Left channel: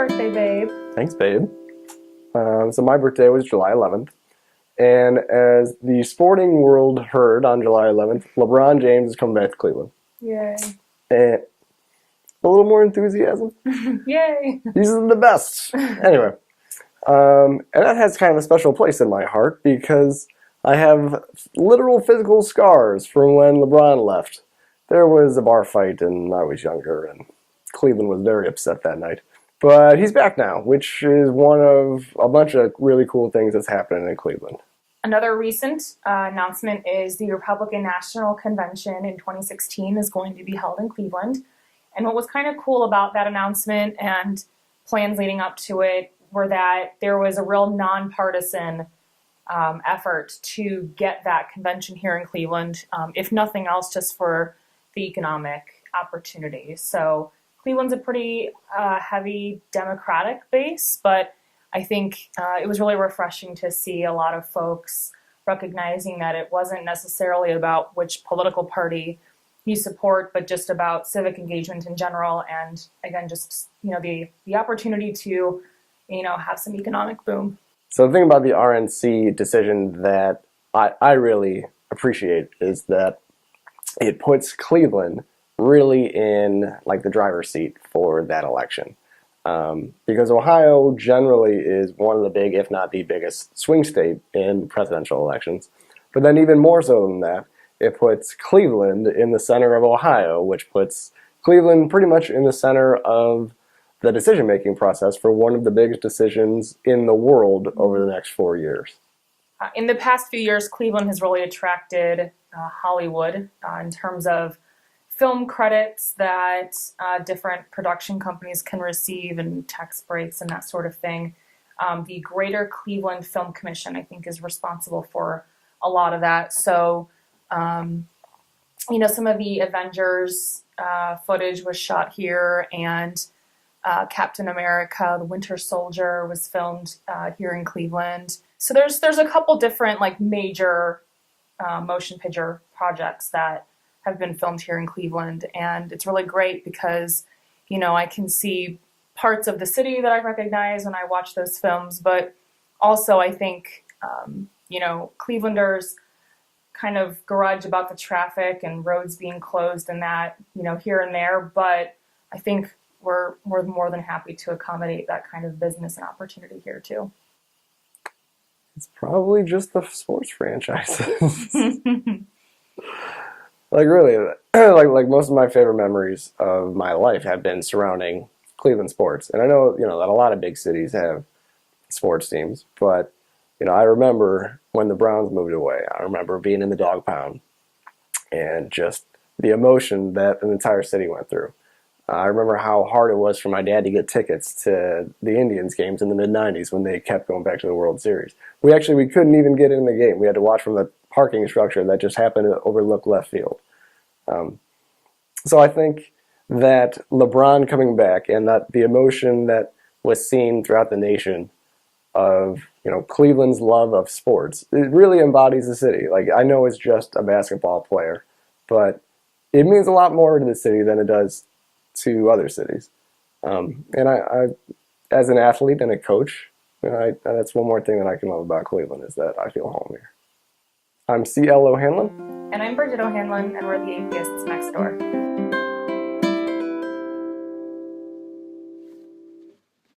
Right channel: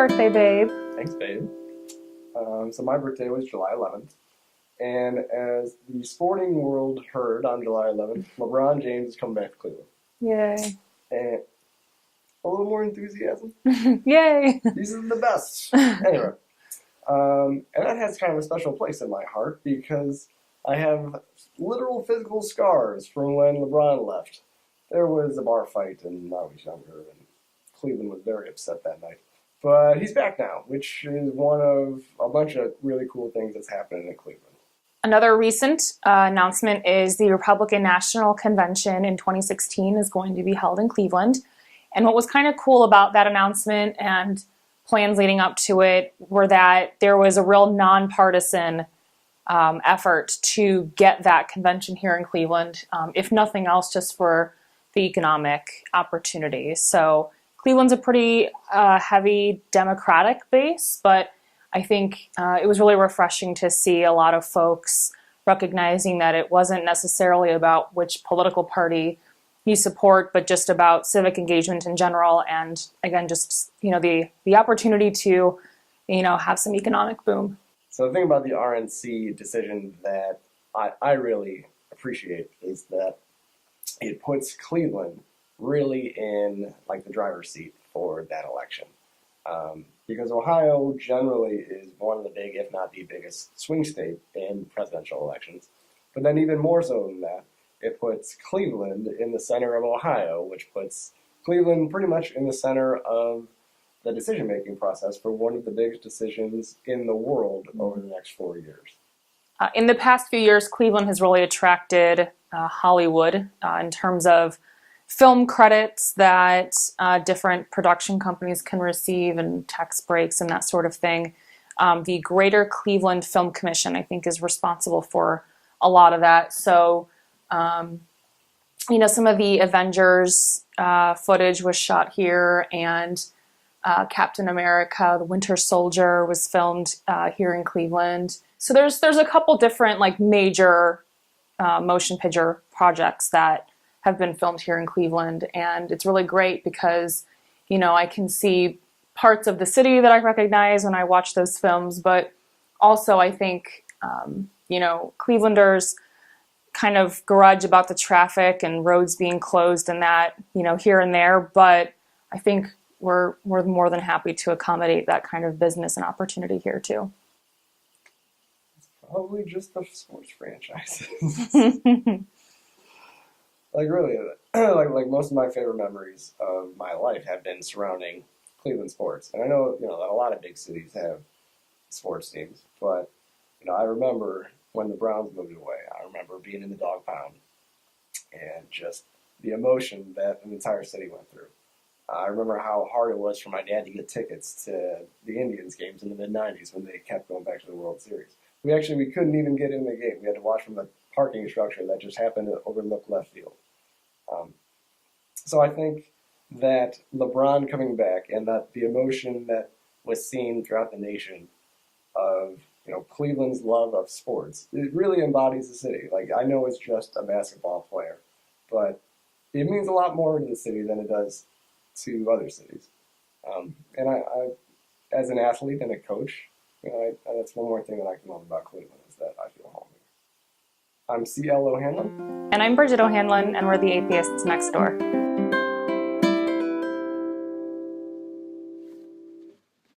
birthday, babe. Thanks, babe. So my birthday was July 11th. And as the sporting world heard on July 11th, LeBron James has come back to Cleveland. Yay. And a little more enthusiasm. Yay. These are the best. Anyway. And that has kind of a special place in my heart because I have literal physical scars from when LeBron left. There was a bar fight and I was younger and Cleveland was very upset that night. But he's back now, which is one of a bunch of really cool things that's happening in Cleveland. Another recent announcement is the Republican National Convention in 2016 is going to be held in Cleveland. And what was kind of cool about that announcement and plans leading up to it were that there was a real nonpartisan effort to get that convention here in Cleveland, if nothing else, just for the economic opportunity. So Cleveland's a pretty heavy Democratic base, but I think it was really refreshing to see a lot of folks recognizing that it wasn't necessarily about which political party you support, but just about civic engagement in general. And again, just, the opportunity to, have some economic boom. So the thing about the RNC decision that I really appreciate is that it puts Cleveland really in the driver's seat for that election. Because Ohio generally is one of the big, if not the biggest, swing state in presidential elections. But then even more so than that, it puts Cleveland in the center of Ohio, which puts Cleveland pretty much in the center of the decision-making process for one of the biggest decisions in the world over the next 4 years. In the past few years, Cleveland has really attracted Hollywood in terms of film credits that different production companies can receive and tax breaks and that sort of thing. The Greater Cleveland Film Commission, I think, is responsible for a lot of that. So, some of the Avengers footage was shot here, and Captain America, the Winter Soldier, was filmed here in Cleveland. So there's a couple different major motion picture projects that have been filmed here in Cleveland, and it's really great because, I can see parts of the city that I recognize when I watch those films, but also I think, Clevelanders kind of grudge about the traffic and roads being closed and that, here and there, but I think we're more than happy to accommodate that kind of business and opportunity here too. It's probably just the sports franchises. Really, most of my favorite memories of my life have been surrounding Cleveland sports. And I know, that a lot of big cities have sports teams, but, I remember when the Browns moved away. I remember being in the dog pound and just the emotion that an entire city went through. I remember how hard it was for my dad to get tickets to the Indians games in the mid-'90s when they kept going back to the World Series. We couldn't even get in the game. We had to watch from the parking structure that just happened to overlook left field. So I think that LeBron coming back and that the emotion that was seen throughout the nation of, Cleveland's love of sports, it really embodies the city. I know it's just a basketball player, but it means a lot more to the city than it does to other cities. And I as an athlete and a coach, that's one more thing that I can love about Cleveland is that I feel home here. I'm C.L. O'Hanlon. And I'm Bridget O'Hanlon, and we're the Atheists Next Door.